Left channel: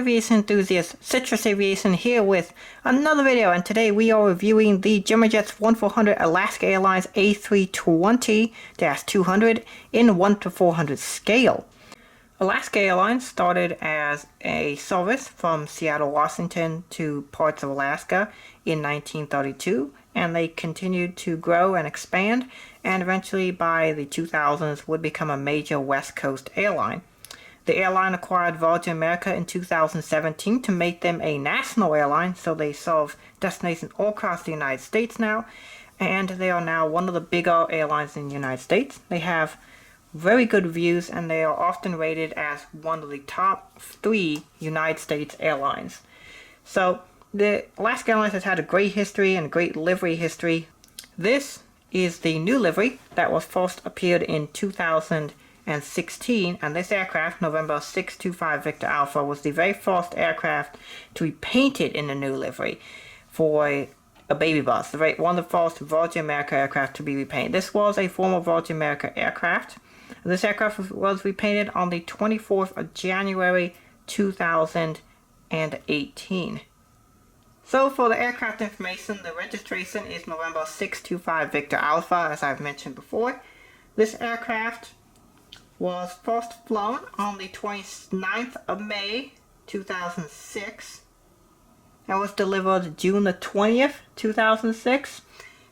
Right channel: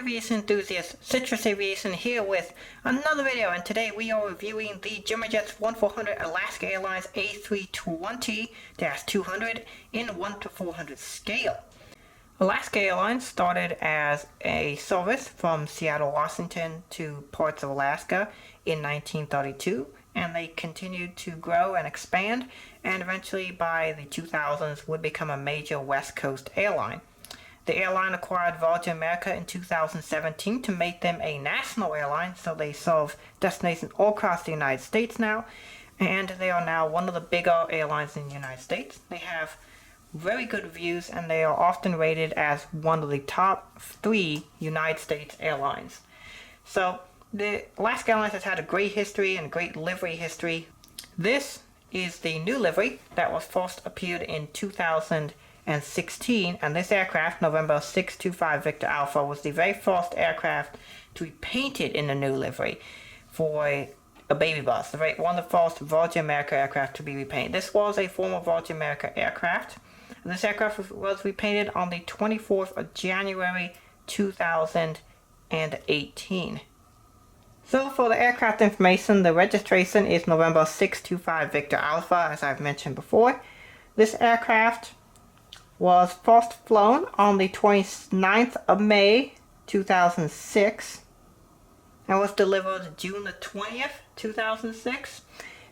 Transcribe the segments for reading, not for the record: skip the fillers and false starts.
aviation enthusiasts, Citrus Aviation here with another video, and today we are reviewing the Gemini Jets 1400 Alaska Airlines A320-200 in 1:400 scale. Alaska Airlines started as a service from Seattle, Washington to parts of Alaska in 1932, and they continued to grow and expand, and eventually by the 2000s would become a major West Coast airline. The airline acquired Virgin America in 2017 to make them a national airline, so they serve destinations all across the United States now, and they are now one of the bigger airlines in the United States. They have very good reviews, and they are often rated as one of the top 3 United States airlines. So the Alaska Airlines has had a great history and a great livery history. This is the new livery that was first appeared in 2016, and this aircraft, November 625 Victor Alpha, was the very first aircraft to be painted in the new livery for a baby bus. One of the first Virgin America aircraft to be repainted. This was a former Virgin America aircraft. This aircraft was repainted on the 24th of January 2018. So for the aircraft information, the registration is November 625 Victor Alpha, as I've mentioned before. This aircraft was first flown on the 29th of May 2006 and was delivered June the 20th 2006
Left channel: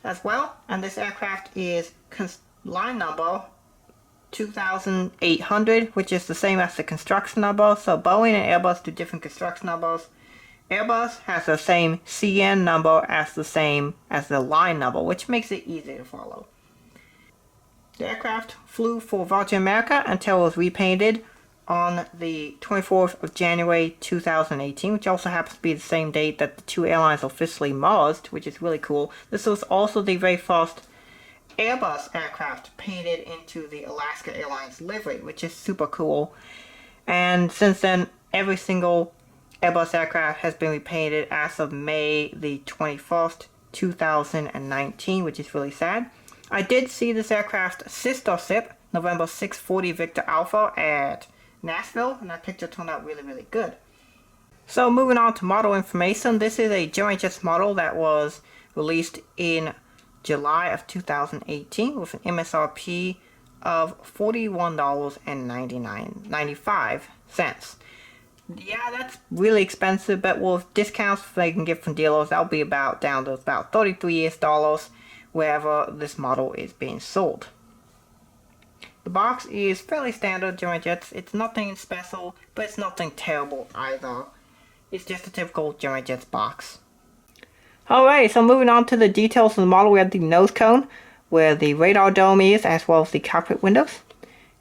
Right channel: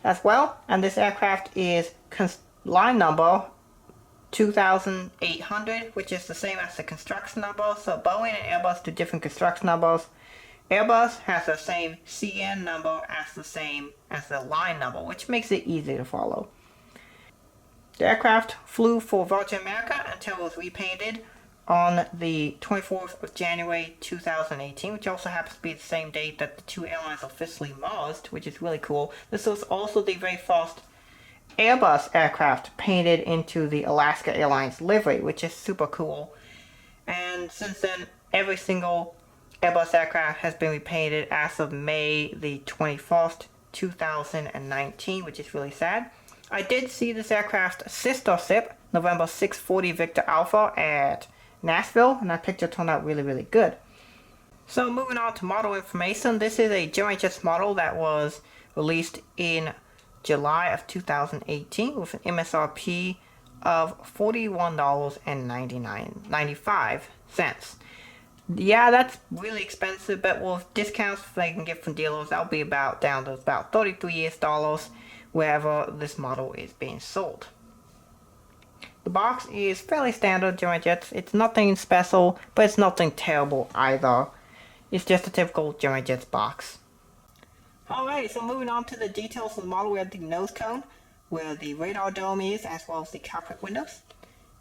as well. And this aircraft is line number 2800, which is the same as the construction number. So Boeing and Airbus do different construction numbers. Airbus has the same CN number as the same as the line number, which makes it easy to follow. The aircraft flew for Virgin America until it was repainted on the 24th of January 2018, which also happens to be the same date that the two airlines officially merged, which is really cool. This was also the very first Airbus aircraft painted into the Alaska Airlines livery, which is super cool. And since then, every single Airbus aircraft has been repainted as of May the 21st, 2019, which is really sad. I did see this aircraft sister ship, November 640 Victor Alpha, at Nashville, and that picture turned out really, really good. So moving on to model information, this is a Gemini Jets model that was released in July of 2018 with an MSRP of $41.95. Yeah, that's really expensive, but with discounts they can get from dealers, that'll be down to about $33 wherever this model is being sold. The box is fairly standard Gemini Jets. It's nothing special, but it's nothing terrible either. It's just a typical Gemini Jets box. Alright, so moving on to the details of the model, we have the nose cone, where the radar dome is, as well as the cockpit windows.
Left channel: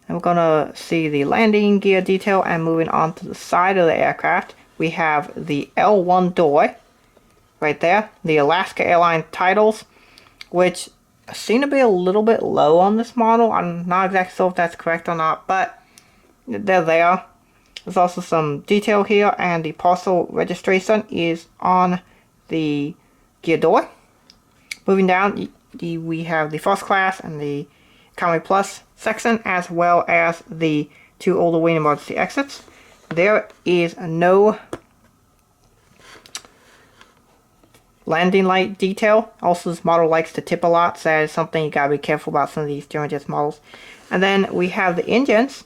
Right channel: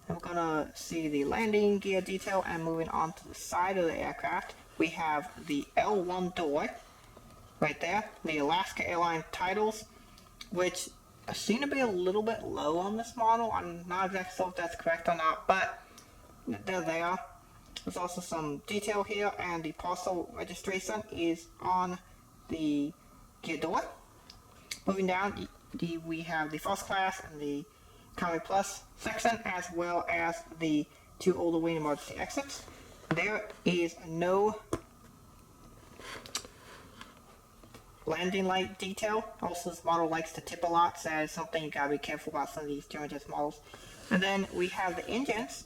And we're going to see the landing gear detail, and moving on to the side of the aircraft, we have the L1 door, right there, the Alaska Airlines titles, which seem to be a little bit low on this model. I'm not exactly sure if that's correct or not, but they're there. There's also some detail here, and the parcel registration is on the gear door. Moving down, we have the first class and the economy plus section, as well as the 2 older wing emergency exits. There is no landing light detail. Also, this model likes to tip a lot, so that is something you gotta be careful about some of these Gemini Jets models. And then we have the engines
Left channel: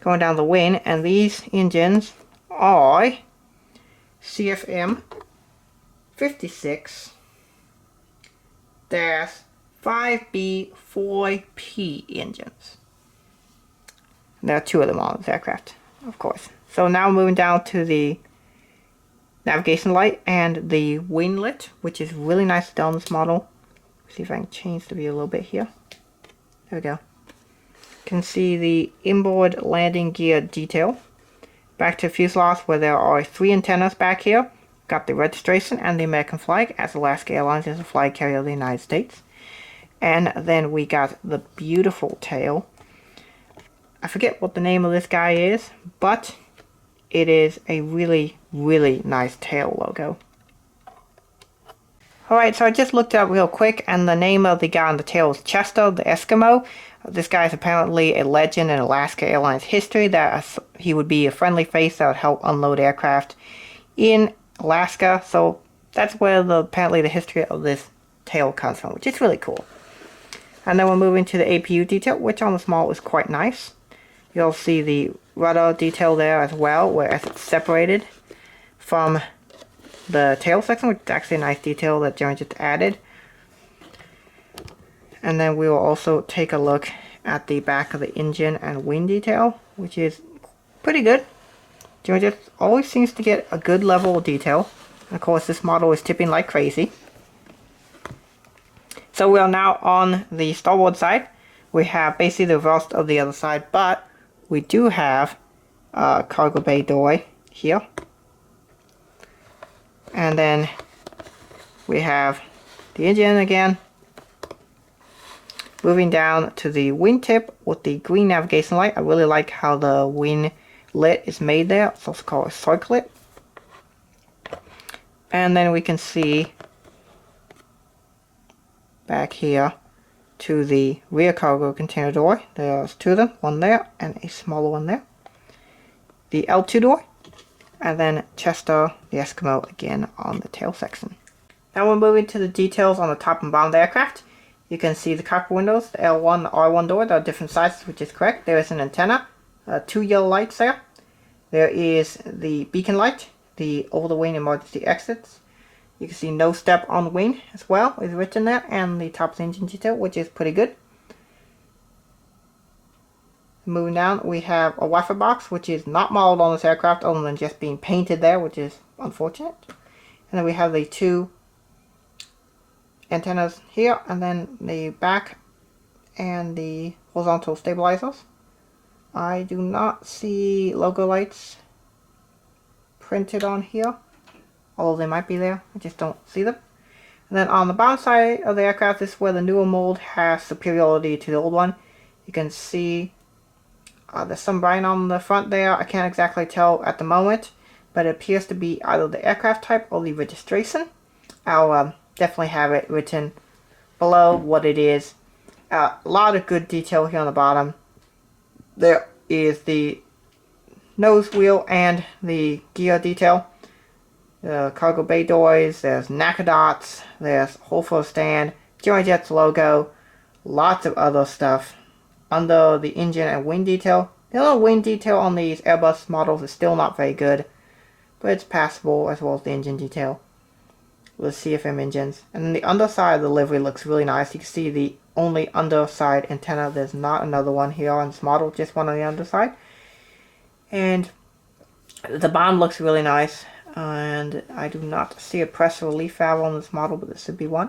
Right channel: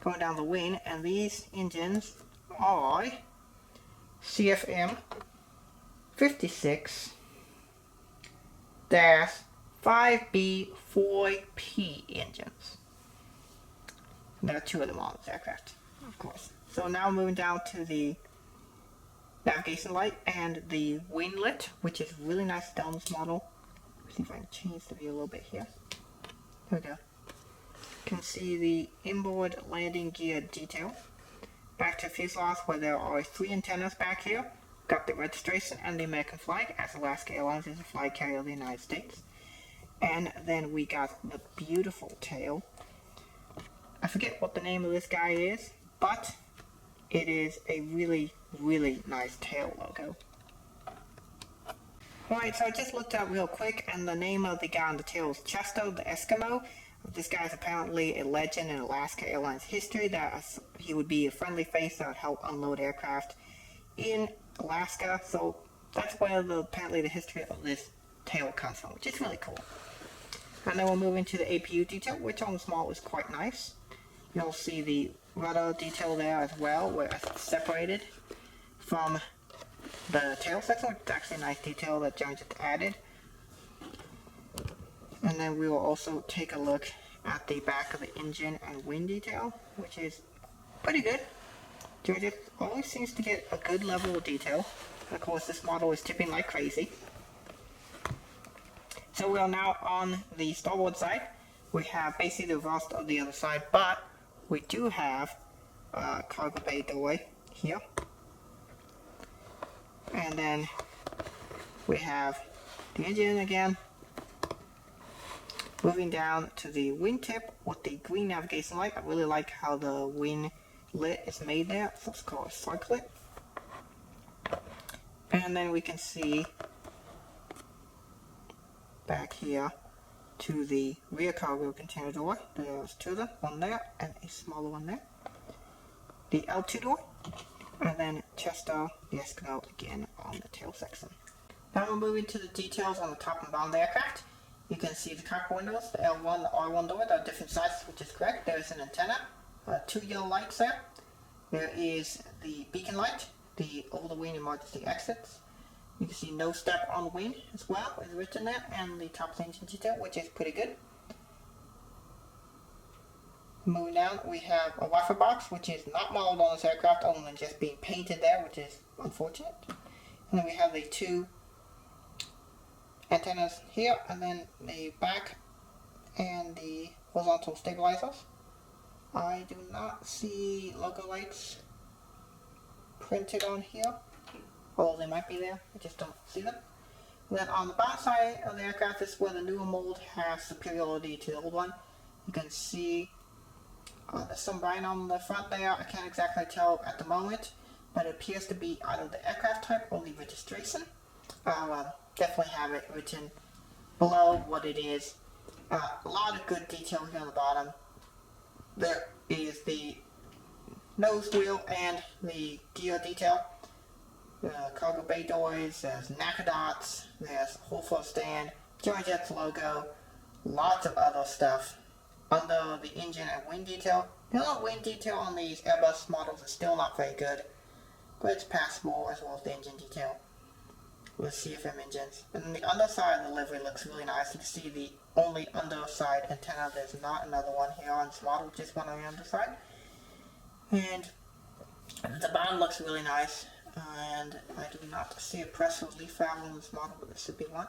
going down the wing, and these engines are CFM 56-5B4P engines. And there are 2 of them on this aircraft, of course. So now moving down to the navigation light and the winglet, which is really nice done on this model. See if I can change the view a little bit here. There we go. You can see the inboard landing gear detail. Back to fuselage, where there are 3 antennas back here. Got the registration and the American flag, as Alaska Airlines is a flag carrier of the United States. And then we got the beautiful tail. I forget what the name of this guy is, but it is a really, really nice tail logo. Alright, so I just looked it up real quick, and the name of the guy on the tail is Chester, the Eskimo. This guy is apparently a legend in Alaska Airlines history, that he would be a friendly face that would help unload aircraft in Alaska. So that's where apparently the history of this tail comes from, which is really cool. And then we're moving to the APU detail, which on the small is quite nice. You'll see the rudder detail there as well, where it's separated from the tail section, which is actually a nice detail that Gemini Jets added. And then we will also take a look at the back of the engine and wing detail, which is pretty good. Gemini Jets always seems to get a good level of detail. And of course, this model is tipping like crazy. So we are now on the starboard side. We have basically the reverse of the other side, but we do have a cargo bay doorway here. And then we have the engine again. Moving down to the wingtip with the green navigation light. I really like how the wing lit is made there. It's also called a circlet. And then we can see back here to the rear cargo container door. There's two of them, one there and a smaller one there. The L2 door. And then Chester, the Eskimo, again on the tail section. Now we're moving to the details on the top and bottom of the aircraft. You can see the cockpit windows, the L1, the R1 door. There are different sizes, which is correct. There is an antenna, two yellow lights there. There is the beacon light, the over-the-wing emergency exits. You can see no step on the wing as well, is written there, and the top of the engine detail, which is pretty good. Moving down, we have a Wi-Fi box, which is not modeled on this aircraft, other than just being painted there, which is unfortunate. And then we have the two antennas here, and then the back and the horizontal stabilizers. I do not see logo lights printed on here, although they might be there, I just don't see them. And then on the bottom side of the aircraft, this is where the newer mold has superiority to the old one. You can see there's some writing on the front there. I can't exactly tell at the moment, but it appears to be either the aircraft type or the registration. I'll definitely have it written below what it is. A lot of good detail here on the bottom. There is the nose wheel and the gear detail. The cargo bay doors, there's NACA dots, there's hole for a stand, Gemini Jets logo, lots of other stuff. Under the engine and wing detail. The other wing detail on these Airbus models is still not very good, but it's passable, as well as the engine detail with CFM engines. And then the underside of the livery looks really nice. You can see the only underside antenna. There's not another one here on this model, just one on the underside. And the bottom looks really nice, and I do not see a pressure relief valve on this model, but this should be one.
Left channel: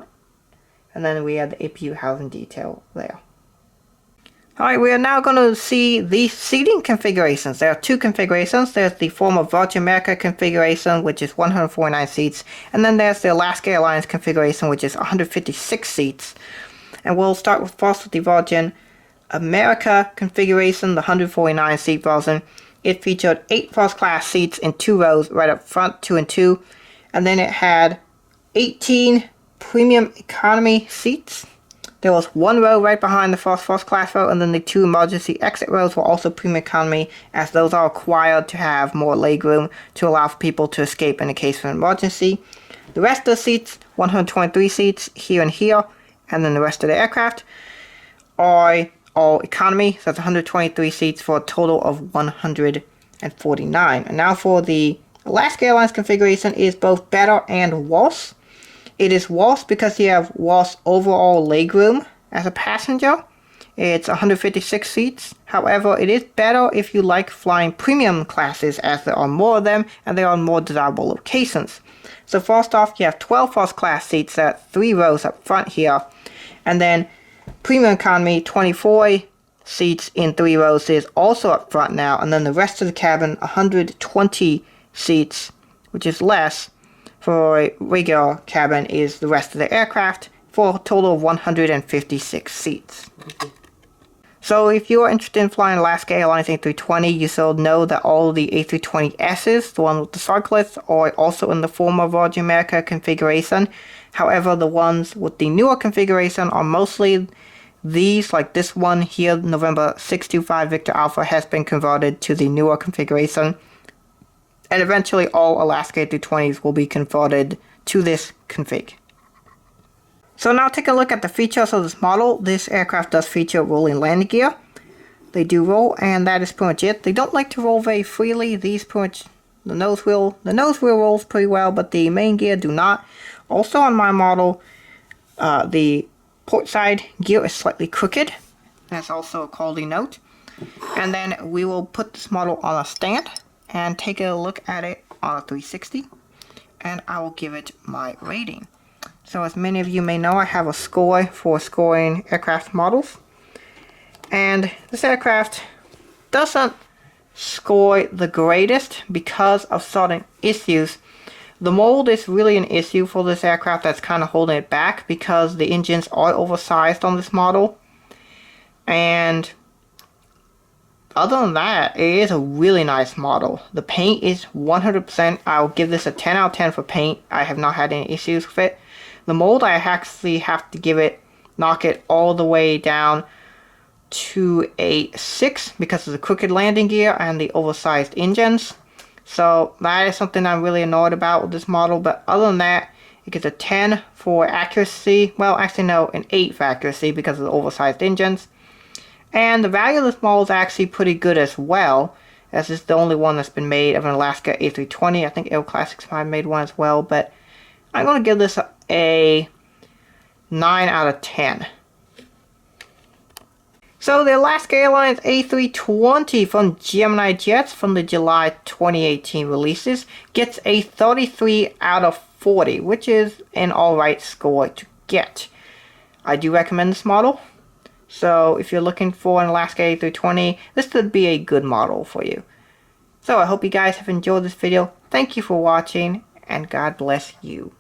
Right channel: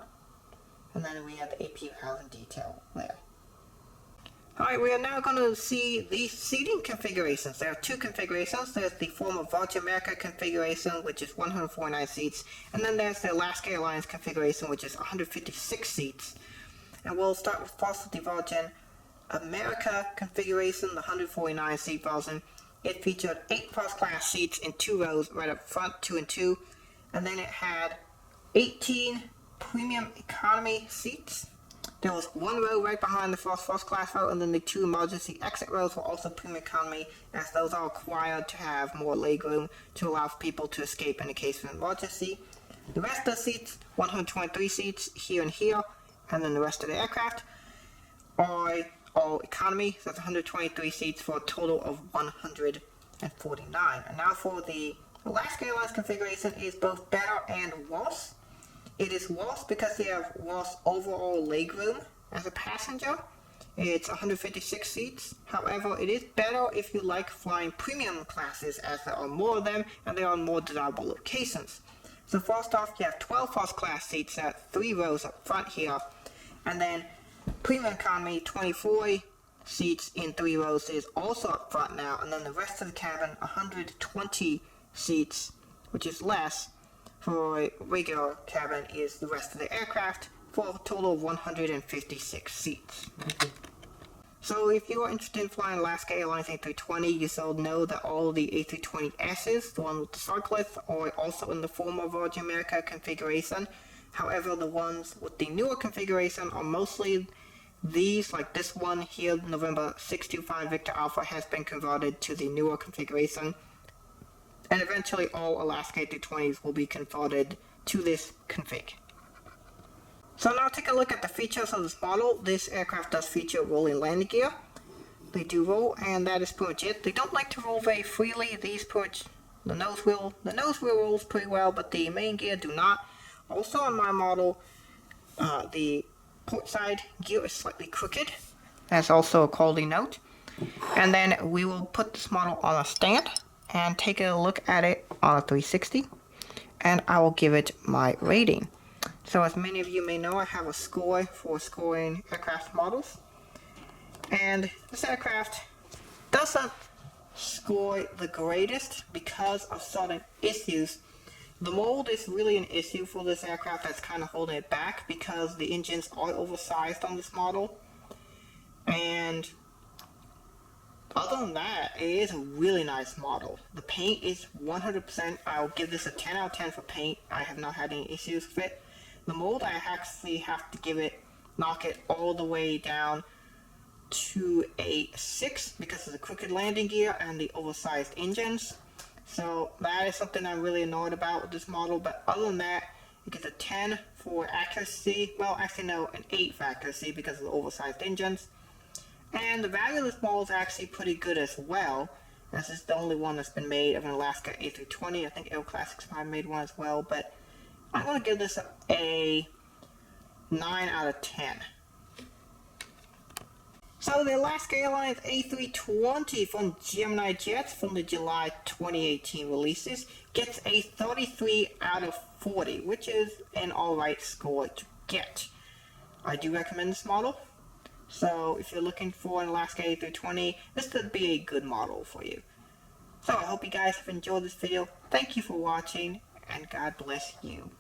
And then we have the APU housing detail there. Alright, we are now going to see the seating configurations. There are two configurations. There's the former Virgin America configuration, which is 149 seats. And then there's the Alaska Airlines configuration, which is 156 seats. And we'll start first with the Virgin America configuration, the 149 seat version. It featured 8 first class seats in 2 rows right up front, 2 and 2. And then it had 18 premium economy seats. There was 1 row right behind the first class row, and then the 2 emergency exit rows were also premium economy, as those are required to have more legroom to allow for people to escape in the case of an emergency. The rest of the seats, 123 seats here and here, and then the rest of the aircraft, are all economy, so that's 123 seats for a total of 149. And now for the Alaska Airlines configuration, is both better and worse. It is worse because you have worse overall legroom as a passenger. It's 156 seats. However, it is better if you like flying premium classes, as there are more of them and they are in more desirable locations. So first off, you have 12 first class seats at 3 rows up front here. And then premium economy, 24 seats in 3 rows is also up front now. And then the rest of the cabin, 120 seats, which is less. For a regular cabin is the rest of the aircraft, for a total of 156 seats. So if you're interested in flying Alaska Airlines A320, you should know that all the A320Ss, the one with the circlets, are also in the former Virgin America configuration. However, the ones with the newer configuration are mostly these, like this one here, November 625 Victor Alpha, has been converted to the newer configuration. And eventually all Alaska A320s will be converted to this config. So now take a look at the features of this model. This aircraft does feature rolling landing gear. They do roll, and that is pretty much it. They don't like to roll very freely. These pretty much, the nose wheel rolls pretty well, but the main gear do not. Also on my model, the port side gear is slightly crooked. That's also a quality note. And then we will put this model on a stand and take a look at it on a 360, and I will give it my rating. So as many of you may know, I have a score for scoring aircraft models. And this aircraft doesn't score the greatest because of certain issues. The mold is really an issue for this aircraft that's kind of holding it back because the engines are oversized on this model. And other than that, it is a really nice model. The paint is 100%. I'll give this a 10 out of 10 for paint. I have not had any issues with it. The mold, I actually have to knock it all the way down to a 6 because of the crooked landing gear and the oversized engines. So that is something I'm really annoyed about with this model. But other than that, it gets a 10 for accuracy. Well, actually no, an 8 for accuracy because of the oversized engines. And the value of this model is actually pretty good as well, as it's the only one that's been made of an Alaska A320. I think Aero Classics might have made one as well, but I'm going to give this a 9 out of 10. So the Alaska Airlines A320 from Gemini Jets from the July 2018 releases gets a 33 out of 40, which is an alright score to get. I do recommend this model. So if you're looking for an Alaska A320, this would be a good model for you. So I hope you guys have enjoyed this video. Thank you for watching, and God bless you.